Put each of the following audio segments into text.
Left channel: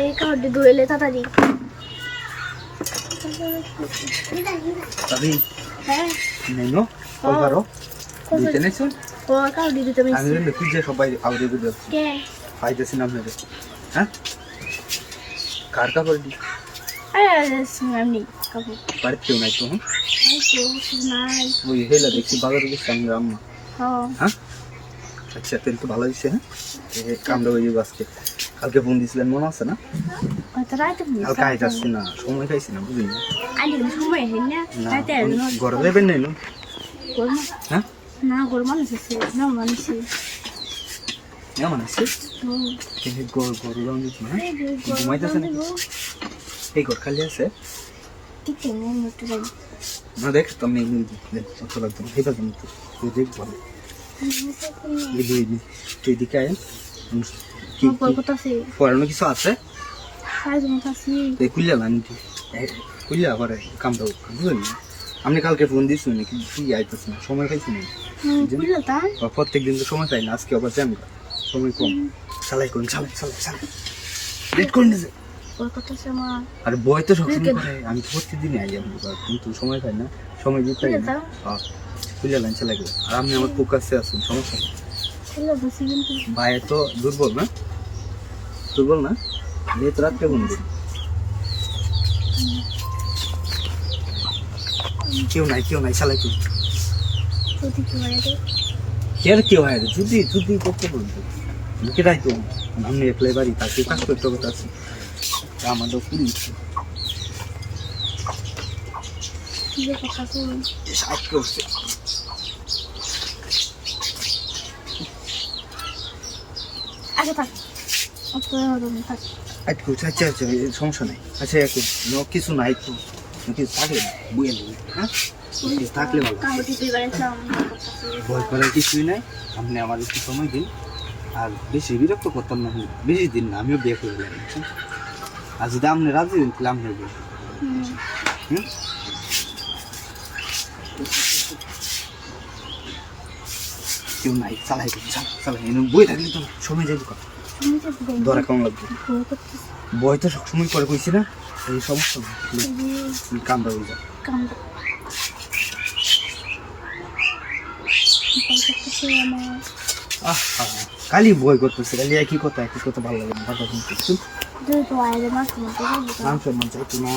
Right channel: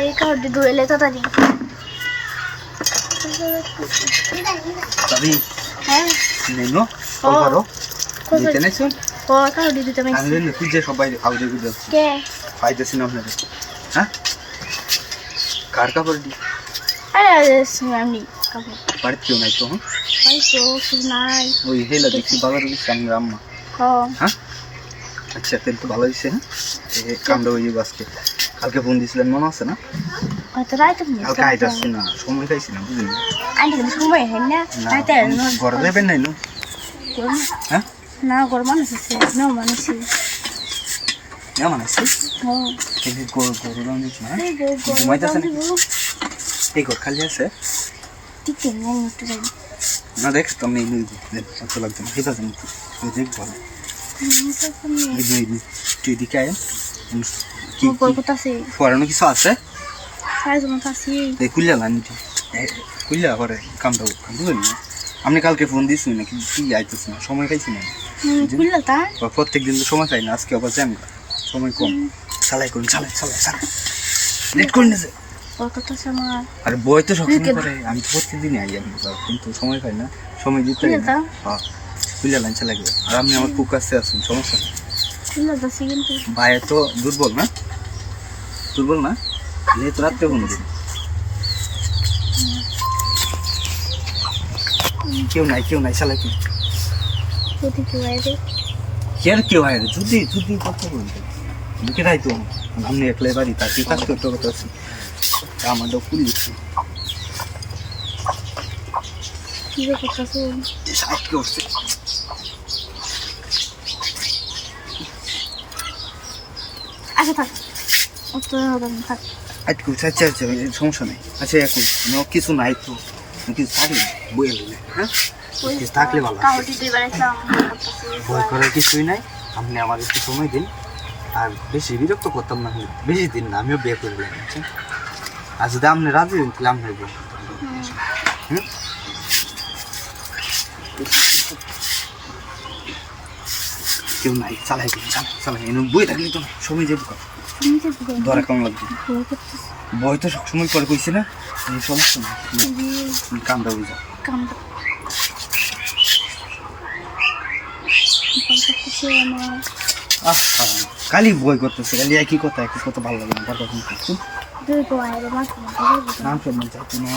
এই কার্ড ধরে তাড়াতাড়ি তবে হ্যাঁ নিনো কল করো দিতে নাইছো ও কার্ড দিতে আমি আমি লিখি যে সবাই আউরে করে যাচ্ছে কে ফাইদাছি না আপনাদের হ্যাঁ কার কাপড় দি আরে আমি কাপড় বাড়িতে কেউ নাই তো ভাই তো নাই ওই হেলা দেখছি বাবার কাছে আমি রাম্মা হ্যাঁ আচ্ছা তেল তো ভালো হয়েছে হ্যাঁ এই কামড়া হয়ে যাবে আজকে কালকে ফোন দিয়েছিলেন মনে আছে না কত রাইতে কালকে আইতাছি না সময় পাইছি না বুঝলি না আইলে সময় হয় না রাইতে ঘরে যাবেন নাই না হ্যাঁ না গরম মানুষ আছে না মানুষ কেমন আছে ও কিন্তু গরু গাম দিচ্ছ না এই গো ঘুমাইতেছে না এই ঘর খালি আছে ঠিক নেই একটু যাই না দেখ তুমি নিয়ে দিন অত লাগবে না হেবা জানি তো দেখ ভালো এই দুই তুই দিকে আয় কি কথা আছে পড়ানো কিছু আছে সাইজ মত আছে এই কুলিয়া না নিতে কুলিয়া করে কাম দাও বুঝলি না আপনি কালকে ফোন দিয়েছি না কি আইতেছে না সময় পাইছি না কুইলা তা প্রত্যেক দিন তো সময় পাই না আজকে আবার জ্যাম সময় কম চালাই করুন চালাই লেট করুন না কথা আছে আমার আর বই তো সবসময় করে আমি তো প্রত্যেকদিনই আই আমি কিন্তু সময় পাই না সময় দিতে পারি না হ্যাঁ কুলিয়া লাইন চালাই গেল আর আপনি আমার ফোকাসে আছেন সমস্যা নেই কুইলা দাসি কিন্তু ভাই তো দুর্বল না নিয়ে তো রাত্রে ফোন দিন কেউ নাই চালাই করুন যদি কেউ আইবে কেউ হয় যদি করতে বলতে কেটাই তো আপনি একলাই বাড়ি তাকে কাজ করতে কথা আছে আমারও পুলিশ কি কথা আছে সাহায্য করছে আচ্ছা থাক থাক আচ্ছা সমস্যা নেই আচ্ছা এখন কিছু নাই তো কিছু থাকলে বই এলো হ্যাঁ কিছু থাকলে ভালো ভয় করার কিছুই নাই আপনি আমার একটু সময় দিন আর বেশি বিরক্ত করতাম না বেশি দিন না আমিও বিয়ে করে দিলাম বুঝছেন আর যদি আপনি রাজি দিন তাহলে আপনার বিয়ে হুম কেউ নাই চালাই এনে বই থাকলে তো সময় যাবে কত ধরা কেমন লাগবে বই তো সবসময় পরে কইছি না এই সমস্যা কামটা বুঝে খালি বই করতেছে খালি একই কথা ভালো লাগে না আনসম্মান চাইতো না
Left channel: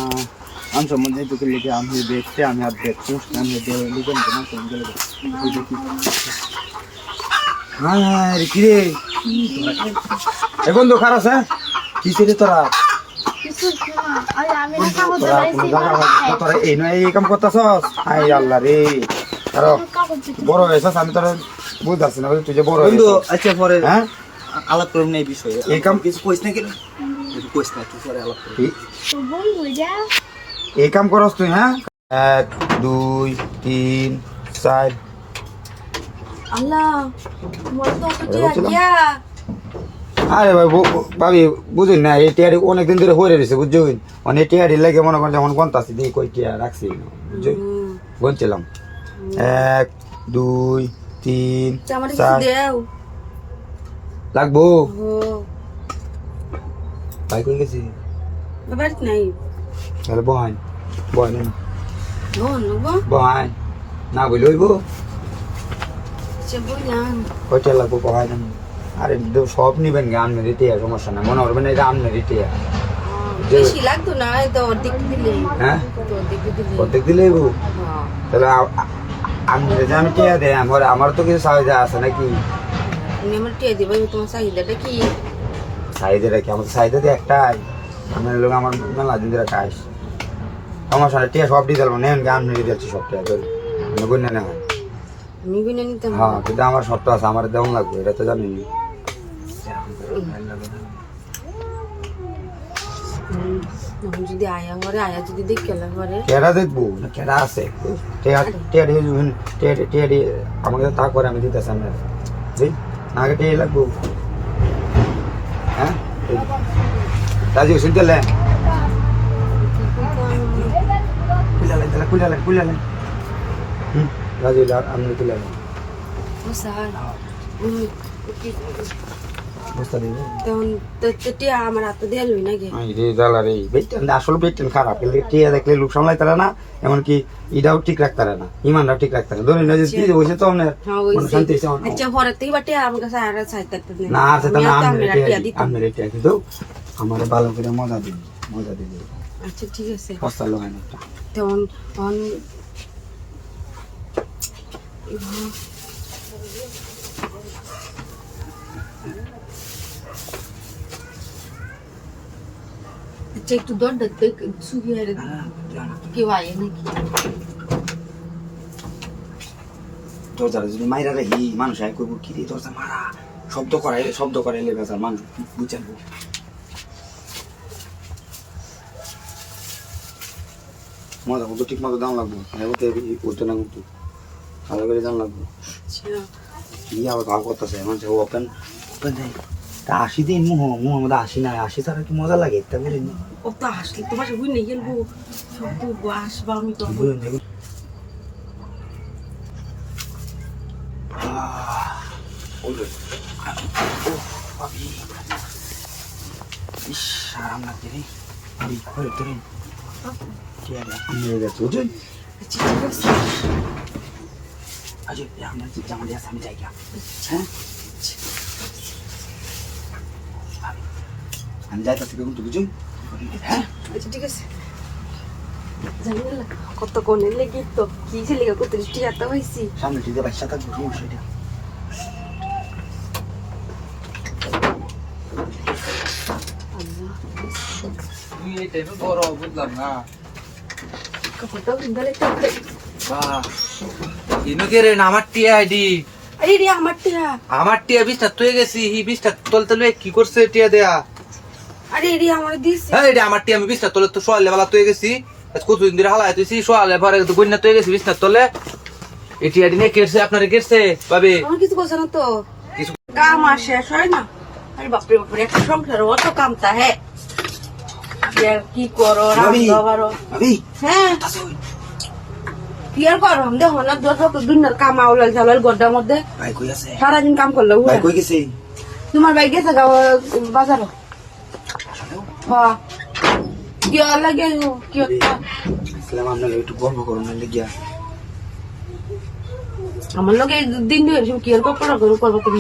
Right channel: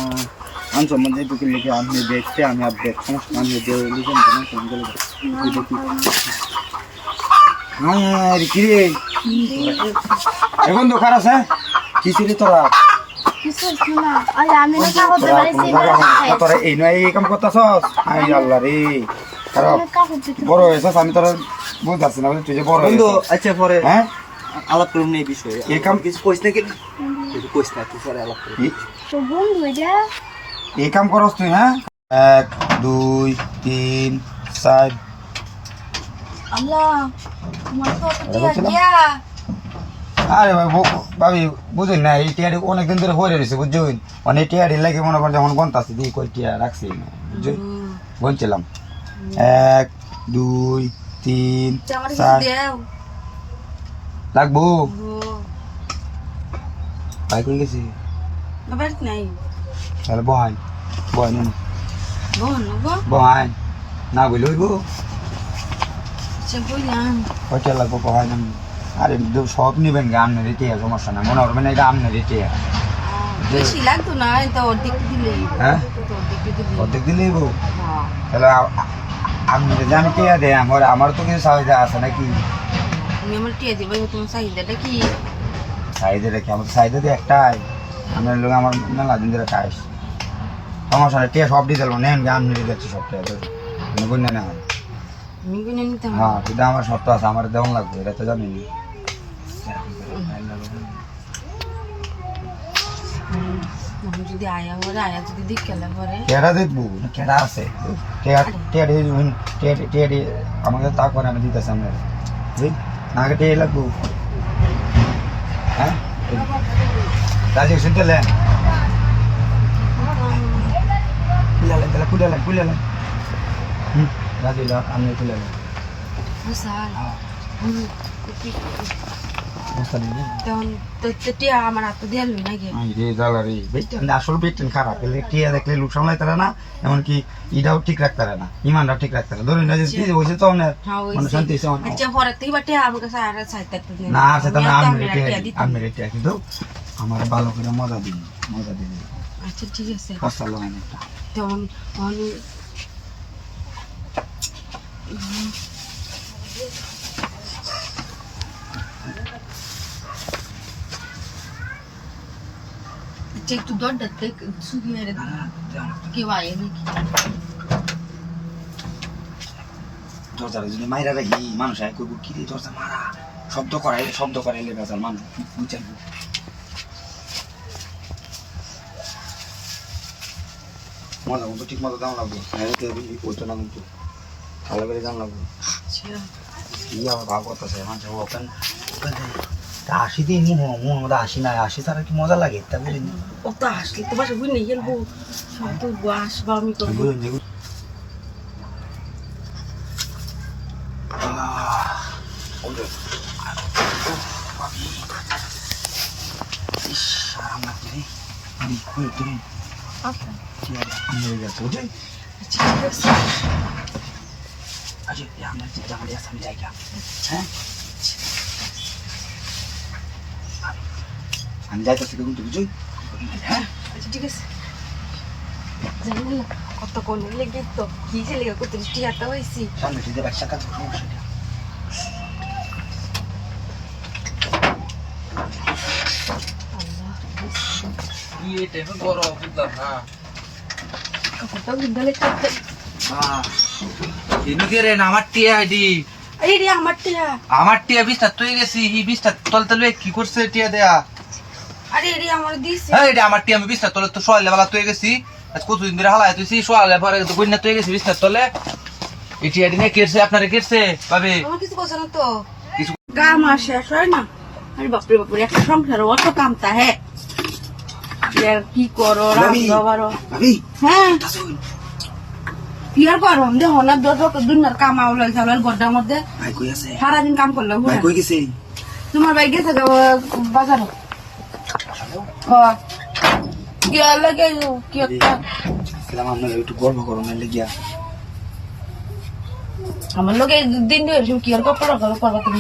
আনসম্মান চাইতো কি লিখে আপনি দেখতে আমি আর দেখ সমস্যা আমি লিখেন হ্যাঁ রে কিরে এখন তো খারাপ হ্যাঁ কি ছিলি তোরা তোরা এই নয় এই কাম করতেছস আই আল্লাহ রে আর বড় হয়েছস আমি তোরা বুঝতেছি না তুই যে বড় বন্ধু আচ্ছা পরে হ্যাঁ আলাপ করুন এই বিষয়ে এই কাম কিছু কইস না কি কিছু কইস না তুই পরে আলাপ করবি তো বন্ধু এটা এই কাম করস তুই হ্যাঁ 1 2 3 4 আল্লাহ মোর তো টিয়া আরে ভাবি বুঝুন না এই টিয়ারি অনেকদিন ধরে হয়ে রয়েছে বুঝুন অনেক টিয়ারি লাগে মনে করেন যখন গন্তাছি দিয়ে কই টিয়া রাখছি বুঝুন গনছিলাম 1 2 3 4 লাগবো ভাই কই গেছি বাড়িতে নাই তাহলে বহান না বলি হইব কয়টা লাগবো বহান আরে সব নিবেন গে আমনে রিটিয়া সমস্যা না মনে করবেন এটা আমনে রিটিয়া বেশি লাগতো না তো অর্ধেক দিলে হ্যাঁ অর্ধেক দিলেই গো তাহলে আপনি জান টিয়া দেয় আমার তো কিছু চাহিদা আছে নাকি আমার টিয়া দেবে তোমার চাহিদাটা কি চাহিদাটা কি আমার চাহিদা দিয়ে একটাই আপনার লোক আমার মেলা দিন ধরে খাইস সমস্যা নেই টিয়া সব দিয়ে যাবো নেন গে আমনে দিচ্ছি সব টিয়া গুণা নেওয়া আমি গুণে নিতাম হ্যাঁ কিন্তু আমার সবটা আছে আমার দেওয়ান লাগবে এটা তো জানিনি যদি আয়া ঘরে আয়া যদি দেখে ঘরে কেডা দেখবো কেডা আছে টেয়ারি আমাকে তা করে আমি দিতেছি আমরা জি আগে টেয়ারি লাগবো হ্যাঁ রাজি শুনতে লেন কুইলালেন রাজি আমি কুইলালেন বস্তা দিবে তখন টিয়া আমার হাতে দিয়ে লই নাকি আই রে জ্বালা রে বেটেন আসলে বেটেন খারাপ এলে টিয়া দেখলে লোক সামলাই তারা না এমনকি ইটাও ঠিক রাখতে পারে না ইমানটাও ঠিক রাখতে পারে ধরে না যে তুই বসে তো আপনার মনে শান্তি হয়েছে আচ্ছা পরে থেকে বাটে আমার কাছে আর চাইতে না সেটা না আমি রেটে কিন্তু আমার ভালো করে মজা দিন আচ্ছা ঠিক আছে পাঁচটা লোক আনে তখন একটু দরটা দেখ শুকিয়ে কেউ আয় নাকি দরজাটা যদি মাইরা রাখি মানুষ আয় করবো কি রে দরজা মারা শব্দ করাইলে বেচার মানুষ বুঝছেন মজা মতো ঠিক মতো দাম লাগবে উঠতে না কিন্তু ভালো করে দাম লাগবে কি আবার ভাব করতেছে মানুষ ওপেন আসি দিন মোহন মধ্যে আসি না আসি তারা কি মজা লাগে তা বুঝিনি ও তো আসলে তোমার বুঝ নেই খেলবো সব তো আসবা আমি করবো আমি যাইতেছি কিন্তু বুঝুন হ্যাঁ আচ্ছা ঠিক আছে জানি না কত কোনে লেগে তো কি ছেলে কত টিয়া তো হইছি সামনে টিতে বাচ্চা কাজ সমস্যা নেই তুই এই টাইপের বড় বুঝলাম না কত বিদ্যালয় করতে ইনুকে রে আমার টিয়া আইডি আরে রে আমার টিয়া বিশটা তুই গেছি হি বিশটা তলতে লয়ে কি করছে টিয়া দেয়া আরে রে আমার দিছে এই রে আমার টিয়া আমি বিশটা তলে তো সোয়ালে বেলা তুই গেছি কতদিন ধরে হালাই তুই সোয়ালে পরে তো গুন্না তুই গেছি বিশটা তলে এটি আইডি নে কেরছে আপনারে কেরছে পাবে কোনো কিছু করছ না তো কিছু কাম আর শেষ হয় না আরে বাপরে বাপরে একটা সংসারে অত কাম তা হে কি করো বাবারো হ্যাঁ কি আর করো দেখো না দুনিয়ার কাম আউলাই চাউলার গড্ডার মধ্যে ভাই কই আছে সারাদিন কাম করলে ভাই কই গেছে তোমার ভাই গেছে বাজারও হ্যাঁ কি লাগে কি সালাম আপনার একটু গল্প করো না লেগিয়া আমার লোক দিন দিয়ে কি আর করবা তুমি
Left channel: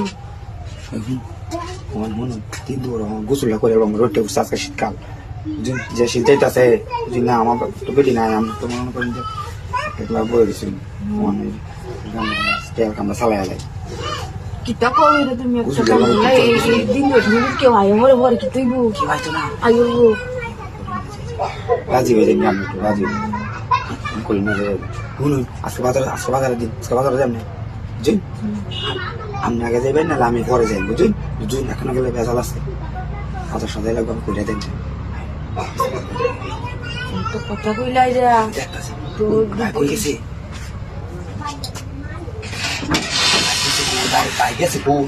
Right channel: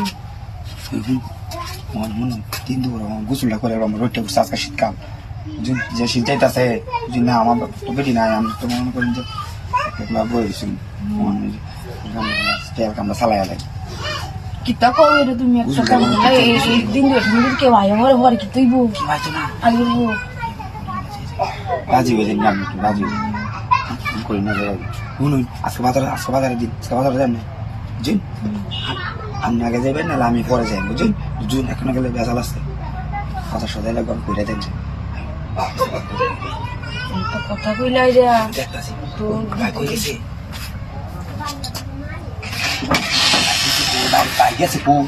তিন দূর গোসলটা করে আমার রোডটা বসে আজকে শীতকাল যে শীত যাইতেছে না আমার তো বেটি না আমি তো মনে করেন যে বই দিচ্ছি আমরা চালাই যাই কিতা করবে রে তুমি একটা কাম দিন দিয়ে তুমি কেউ আয় আমার ঘরে কি তুই বউ আয়ু রাজি হয়ে যাবি আমি একটু রাজি করি না শুনুন আজকে বাজারে দিন আজকে বাজারে যাবেন বুঝুন আপনি আগে যাবেন না আমি পরে যাই বুঝুন বুঝুন এখনো গেলে বেজাল আছে কথা সদাই লাগবে আমি করে দেখবেন কথা কইলাই রে কই গেছে ভাই গেছে বউ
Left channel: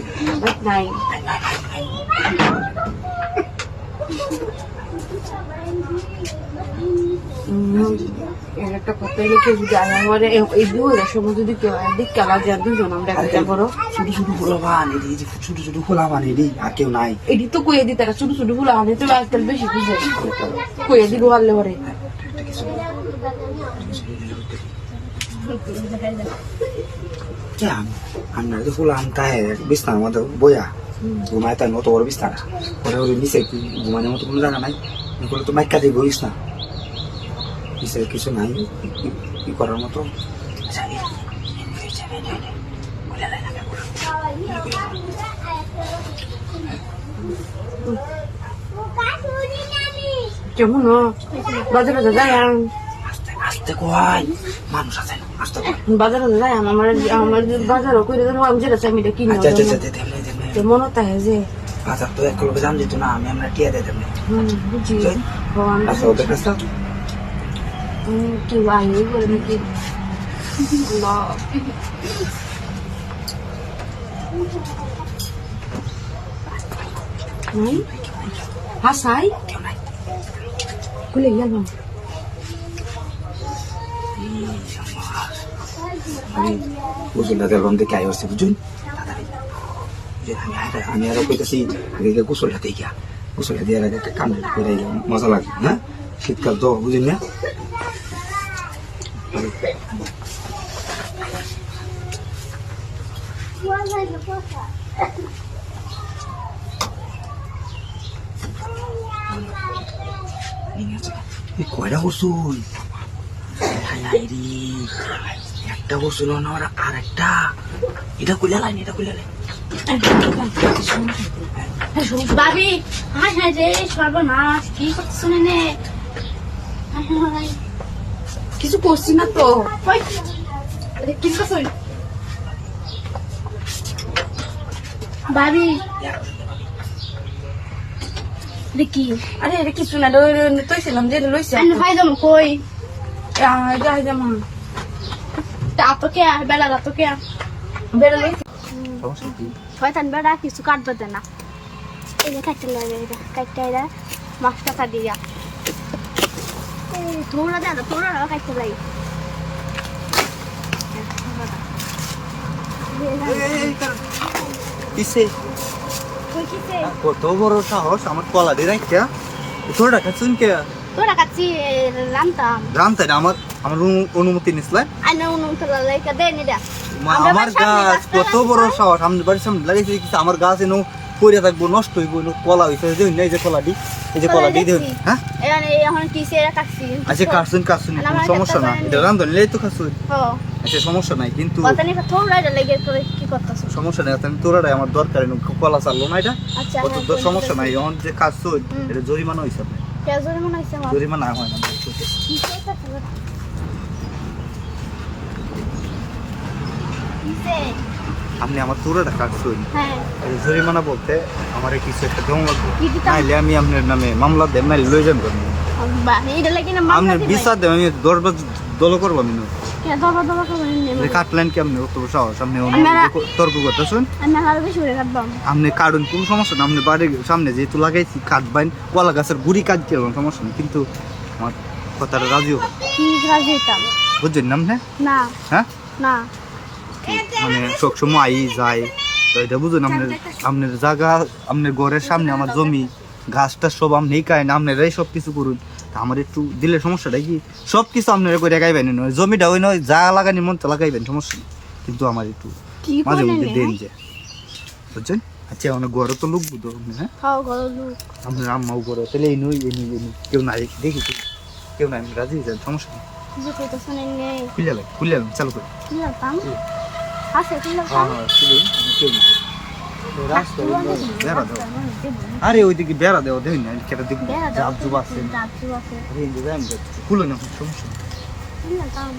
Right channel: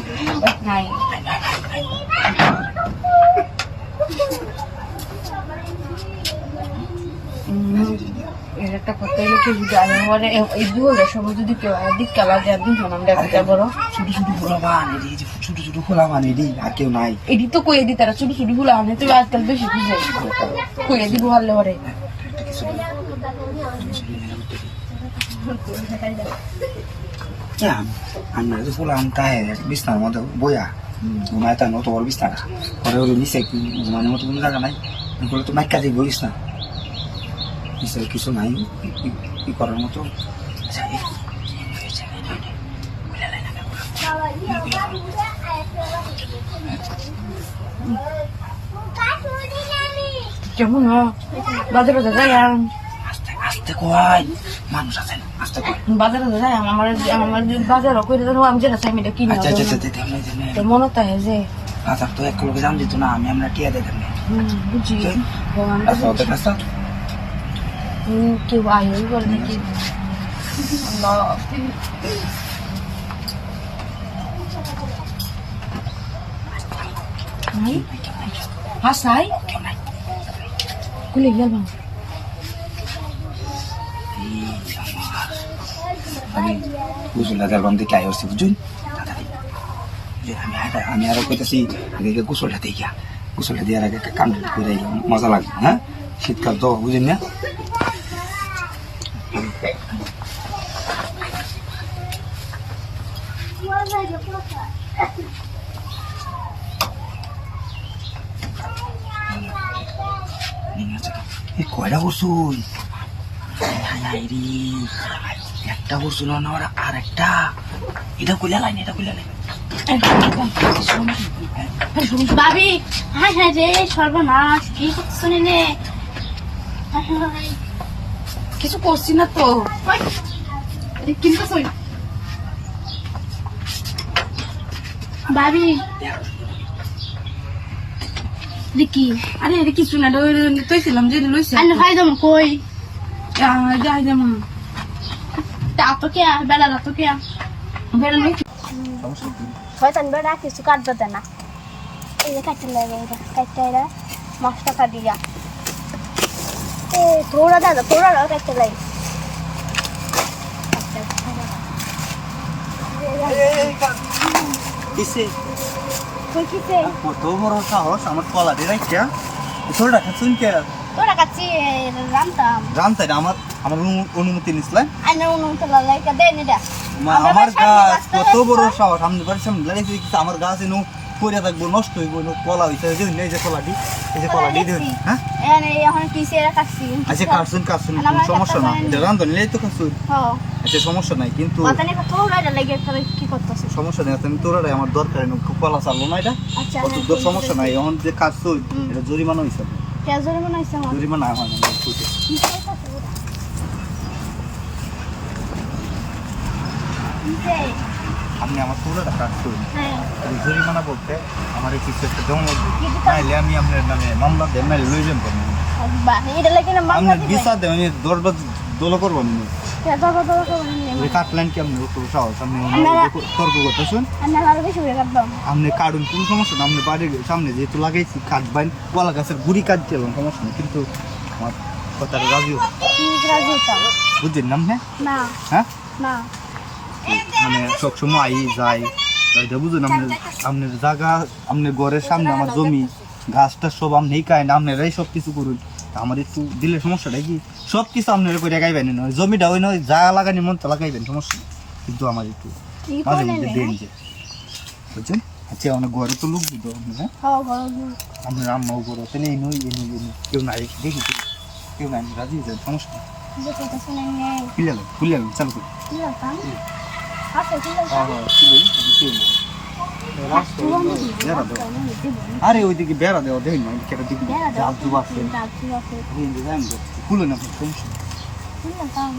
নাই একটা কথা লোকে যদি আমার এই দুয়ারের সময় যদি কেউ দিক কালা যায় দুজন আমরা একটা বড় ছোট ছোট ফুলা বান এই যে ছোট ছোট ফুলা বান এই আর কেউ নাই এটি তো কইয়ে দি তারা ছোট ছোট ফুলা বান তো আজকাল বেশি বুঝে কইয়ে দিব হারলে পরে আমরা তো ফুলা আনতে বিছনার মধ্যে বইয়া ঘুমায় তার মতো বড় বিছনা পরে ওর নিচে কি ঘুমানোর মতো কোনো জায়গা নাই এগুলো তো মাইকা দিয়ে বইস না কিছু নাই কি করার মতো কেমন বাজারে যায় আস্তে কয় মানুষ আছে আস্তে কয় বাজারে যায় আমার বাজারও করে দেবো আমি যেটা চাই এটা কিনে তো মনে তাই যে বাজার তো এক লোক জান দিত না আমরা টিয়া দিয়ে দেবো বুঝি ওদের কাছে কেউ আয়ই বলে নাকি হাসাই খুলে গেলাম আমি বুঝুন দাদার বাম দিকে আয় হচ্ছে বুঝুন তাড়াতাড়ি আমি আরো কইতেছি আগে গোসলটা দিয়ে গিয়া গোসলটা দিয়ে আগে কাম করে মজা লাগবে হ্যাঁ শীতকাল তো বুঝেন না কয়টা করছুন একটা করছিল না ওরা আর একটা এটা কইলা লাইন এটা কইলা লাইন ভাবি হাই হাই রে সর্বনাশ কি করছো নে কিছু করছি না তো কিন্তু ভাবি দেখি আরে এটা কিছু না তুই ছিলাম যে লইছে আমি ভাই যাবো কই যাই যাবো তা তো কে বেলা তো কে বেলা লই শয়তান বেড়া কিছু কাটবে দে না এই যে কাটতে লাগে এটা কাটতে এরা মাছটা কাটি গা এ তোরা দাদা তোরা কাটতে লাগে কিসে তুই কিসে কত বড় সাহস আমার কলা দিয়ে রাখা তোরা কাছেন কে তোরা কাছি রামতাম জানতে না আমার আমার অনুমতি নিছিলেন আমি উনুন তো লাইকা দেই নি দা আমার গাছ কত বড় সাহস আমি বাড়ির সামনে লাগিয়েছি কিন্তু আমার গাছ এনে পড়ে থাকবো নষ্ট হইব কলা হইছে যে এই যে কলা দি এই যে কলা দি দেন হ্যাঁ এনে এখন কিসে এরা কাছি আচ্ছা কাটছুন সমস্যা না রান্ধন লেই তো কাটছুন হ্যাঁ আচ্ছা সমস্যা নাই কিন্তু পাতানি তোরা এটা লাগে করে কি করতেছ সমস্যা নেই তুমি তোরাটাই আমার দরকার নেই কলা চাললো না এটা আচ্ছা অত তোর সমস্যা নাই এখন যে কাটছুন এটা জরিমানা হইছে কে জোরে মনে হইছে আমার জরিমানা হয় না কিসে আপনি আমার পুরোটা কাটছুন হ্যাঁ জরিমানা বলতে আমার কিছু একটা জমা লাগবে কি দিতাম? নাইলে আমি আপনার নামে মামলা দেন নাইলে লই যান করবো বাহ এটা লাগে না মামলা আপনার বিচার দেন আমি দরবার দল করবো আমি কে দবা দবা করে নিয়ে কাটলেন কেমন তো সাহস আপনি তর্ক করতেছেন আমি আর বেশি করে কাটবাম আপনি কাটুন কোনো সমস্যা না আপনি বাড়ির সামনে যেহেতু লাগাইছি কাটবেন কলা গাছের গুড়ি কাটতে এবং সমস্যা নেই কিন্তু আমার কথাটা রাজিও কি রাজি হইতাম বুঝছেন না আপনি না হ্যাঁ না মানে সবসময় আই যায় তো এটা বুঝুন আপনার আপনার জায়গা আপনার ঘরের সামনে আমার জমি গাছটা সব আপনি কায়েন আপনারাই সব কিছু করুন আমার একটু দিলে সমস্যাটা কি সব কিছু আপনারা করে গাইবেন নয় জমিটা ওই নয় জায়গা লাগানি মন তো লাগাইবেন সমস্যা নেই কিন্তু আমার একটু কি মাঝে করে মধ্যে দেন যে বুঝছেন আচ্ছা অনেক ঘরে তো লোক বুঝো হ্যাঁ হ্যাঁ ঘর লোক আপনার আম্মাও ঘরে তাহলে এই নই কেউ নাই দেখি কেউ নাই রাজি হয়ে যান সমস্যা নেই যে কইতা শুনেন নে খুললাম চালু করে কি লাগাম আছে কি লাগাম আরে ওইদিকে বেড়া দেওয়া দেখি না কেটে দেখি জাপ জুব আছে খুলো না সমস্যা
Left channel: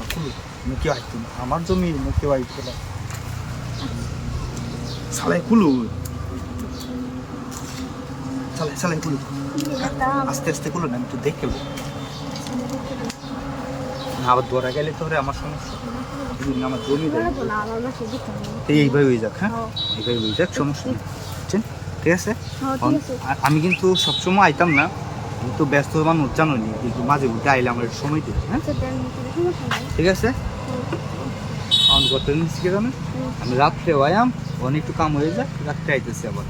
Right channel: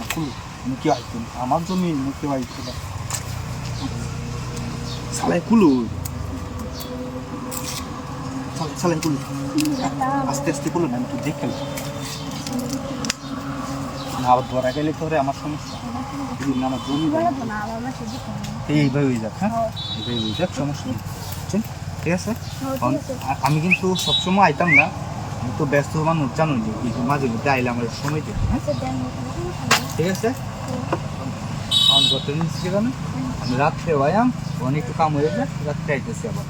খুলো কেউ আসতো না আমার জমি কেউ আসতো না সালাই খুলো সালাই খুলো আস্তে আস্তে খুলো না আমি তো দেখে না আবার ধরা গেলে তো আমার সমস্যা আমার জমি এইভাবে হয়ে যাক হ্যাঁ এইভাবে হয়ে যাক সমস্যা নেই বুঝছেন ঠিক আছে আমি কিন্তু সবসময় আইতাম না আমি তো ব্যস্ত মানুষ জানো নি কিন্তু মাঝে মধ্যে আইলে আমার সময় দিই হ্যাঁ ঠিক আছে আমার গত নিচ্ছি কেন আমি রাত্রে আয়াম ওখানে একটু কাম হয়ে যায় রাত্রে আইতেছি আবার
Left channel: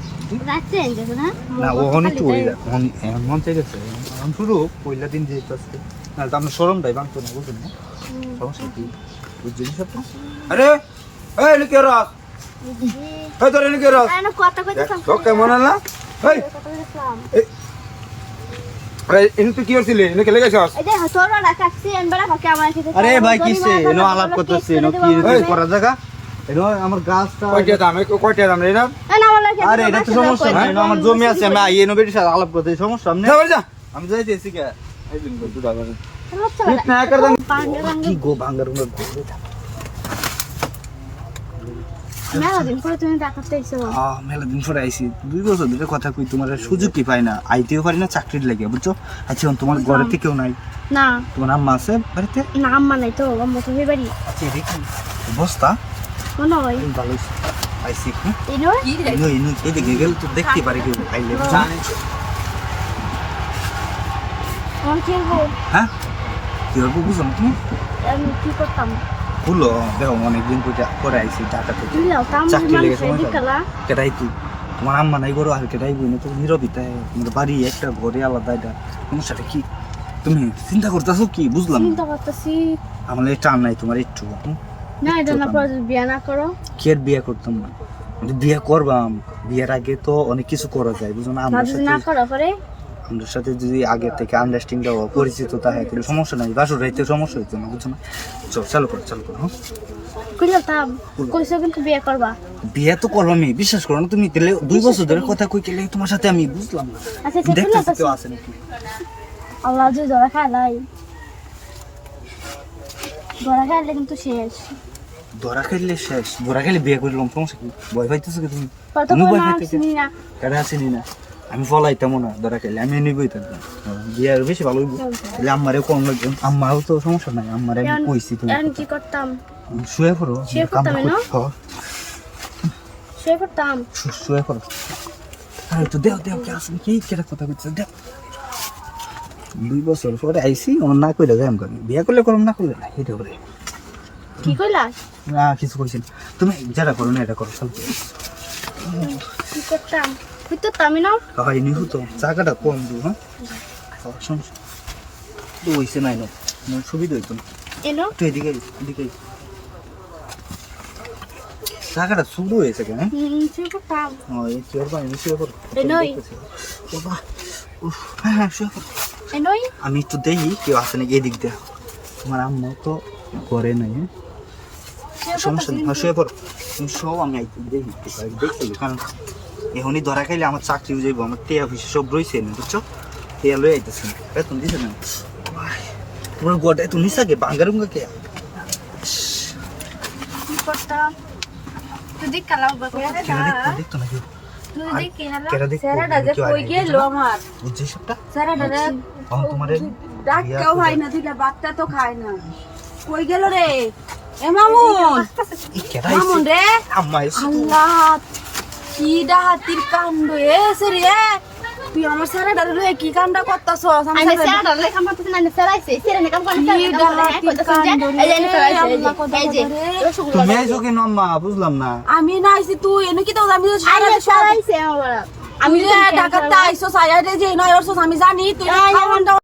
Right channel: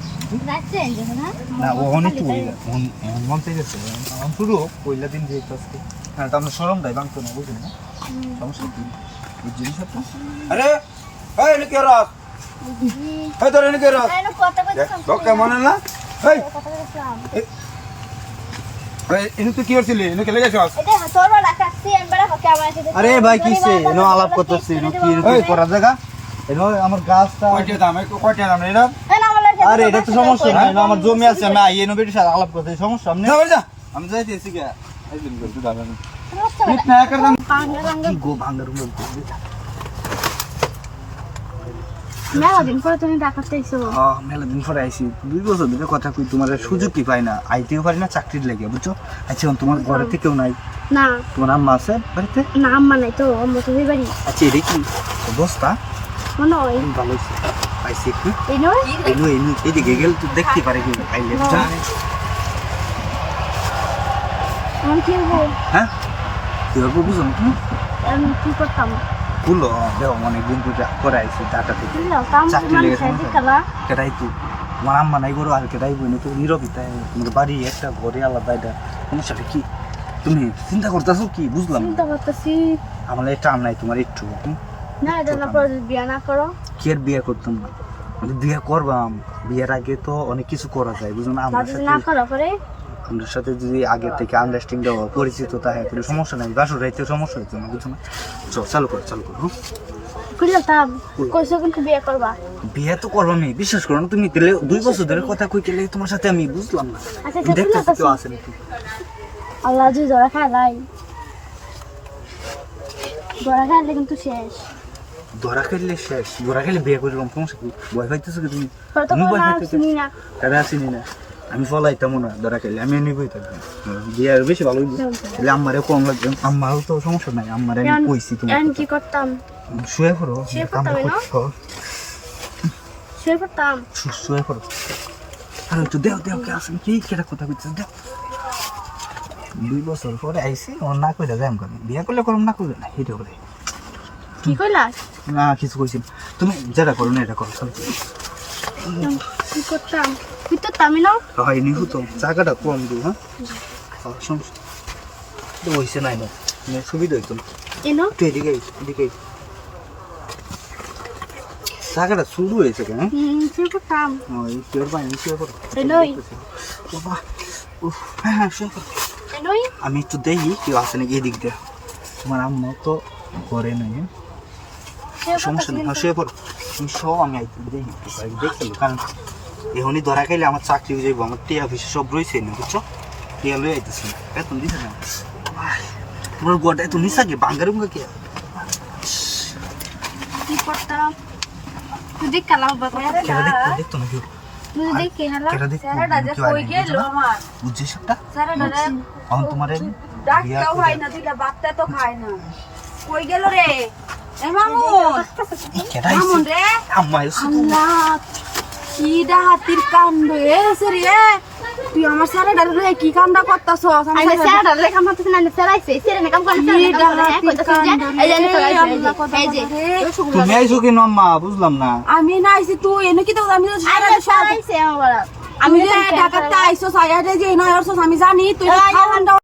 না ওখানে একটু হয়ে যায় এমন মন চাই গেছে এখন শুরু পয়লা দিন যেহেতু আজকে না তো আপনার সরমটাই ভাঙতো না বুঝলেন না সমস্যা কি বুঝলি সব আরে এই নিকে রাখ এই তোর নিকে রাখ কথা কইতাম কেমন না এই এনে তুই কি করছিলি এনে কে লেগেছস এটা তোর রাখাছি এমবারে হকে আমার সাথে আরে ভাই কিসে এনো আলাপ করতেছিস এনো কি রকম করা জায়গা এনো আমার গাছটা কয়টা দাম এটা না আমার লাগে আরে এটা তো সমস্যা নাই এনো আমার জমি আছে আমি এনো বেটির সাথে আলাপ করতেছি সমস্যা সামনে না যা আমি যাইতেছি কি এই দিন একটু দাদা ঠিক না করদাম কি গো ভাঙ্গার মেলা দিন পরে তুমি ডাকাতে আইছো মেলা দিন পরে আইসি 2 বছর ধরে কথা কই তোমার সুযোগ কি পাই না আইতেও পারি না চাকরির লাগে বুঝছো আচ্ছা তোমার ঘরেতে কেউ নাই না তোমার আম্মা আছে বাড়িতে না আম্মা নাই তো আম্মা তো বাড়ি আচ্ছা এটা কি অবস্থা মনে হয় ভালো আইসি কি এই নয় এদিকে গেলে তো দেখতে পারে কি আইলে বুঝছো আমি কি হ্যাঁ কি হবে বুঝো না তুমি আমি কি করতাম খুললো দেখো অনেকদিন পরে আইসি টাকাতে দিলাম কাম চাকরি মানে লেগেছে খাইতে কালা কেটাই কি আমার আম্মা নাই করো আর কেটাই বইনি তো নীরবিতে বাড়ি একটা ঘরে আলাদা এটা সমস্যাটা কি তুমি চিন্তা করতেছো কি বুঝলাম চিন্তা করতেছি আমার টান নাই তোমার একটু না এটা না পরে বিয়ে না করো কি আর বিয়ে করতাম না বিয়ে করবাম বিয়ের আগে তো অনেক কিছু করা যায় বুঝো না আর যদি না করো পরে আমাদের সাথে যদি আগে থেকে আন্ডারস্ট্যান্ডিং দেওয়া পরিচিত থাকে তাহলে সমস্যা নাই বাসুর রাইতে সমস্যা হইতো না বুঝছো না চল চালু করো হ্যাঁ? বুঝলাম তা কইছো কিন্তু বিয়ে করবা বিয়ে তো করবো আমি বিশ্বাস করো না তুমি তাহলে 2 বছর ধরে কথা কই গেলে তোমার সাথে আমি বুঝলাম না আচ্ছা দেখতে ঠিক কেউ আছে আছে নাকি আল্লাহ যে ধরা খাইলাই ধরা খাইলে কিন্তু শেষ ধরা খেললে শেষ ধরা খেলে বিয়ে করলাম সমস্যা কি ভয় পাইতেছো কি তুমি কত আমি ভয় না পাইতেছি চিনি না এটা চিনি না আমি ফলাইতাম না ধরা খেলে আমি নিবই থাকবো বিয়ে আর বেশি ভালো হইবো। তাহলে আমারও কম লাগবে আমারও তো সমস্যা নাই আমার আমি কইছি তুমি এখন কি করতাম শুয়ে পড়ো শুয়ে পড়তাম না? হ্যাঁ, শুয়ে পড়তাম শুয়ে পড়ো আর একটু দেও কে আসেন কি কেটা কথা কইতেছ দেও 2 বছর পরে আইসি ও না কইলে যাই আমি বিয়ে করলে করম না করলে না এটা করে কি কইলাস না কিছু কইছি না। তুমি যারা করো না এটা করো সব কি করতাম ভিতরটা আমি না হয় নিহু তো জায়গাটা কম দিও হ্যাঁ সমস্যা তো হইছে নাই না তোমার সুবিধা হইতো না এনো তুই এদিকে জায়গাটা শুরু হয়েছে কেন শুয়ে পড়তাম ওই শুয়ে পাইনি শুয়ে পড়ো এনোই বাবা উফ হ্যাঁ শুয়ে পড়ো এনোই আমি একটু দেখি কেউ আসে নাকি এদিক দিয়ে তোমার আম্মা তো করে নাই হ্যাঁ? সমস্যা নেই শুয়ে পড়ো তুমি সব আমি একটু দেখি দেখছিল কারণ এখনই ধরা খাইলে আমার চাকরি হয়ে যাবো আমার টিয়া অফিসে সব রয়েছে না বুঝছো টিয়া লয়ে আইতেছে এখন দিছে না তোমার গোটা এত নিশাকে বাঙ্গার মুখে কি করতাম তুই দেখ কালা বাবা কেরা দেখতো না কেউ তুই দেখ কে হালা কেরা দেখতো স্যারেরা যে কেউ কই গেল আমার বুঝছিস একটা স্যারেরা এখন তোমার ডাক্তাও ভাই না দিলা বাচ্চা তো খায় না কই গেল রে এ মামুন কেরা মামুন রে আম্মা এসে আল্লাহ কি ডাহাতির কাণ্ড এসে রে তুই আমার স্যারে ডালে কি কামটা করতাছ আমি স্যার ডালে কাম করতেছ না স্যার আইছে স্যার কাম করে কি ডাহাতির কাণ্ড রে আল্লাহ কত রে তুমি আইছো কি আম্মা বুঝলাম না আমি না আইছি তুই এনে কি তো আমি স্যার আইছে আমার আমি যে ঢাকাতে আইছো সাইয়া যে নয় আমি জানি তুই খাওয়ান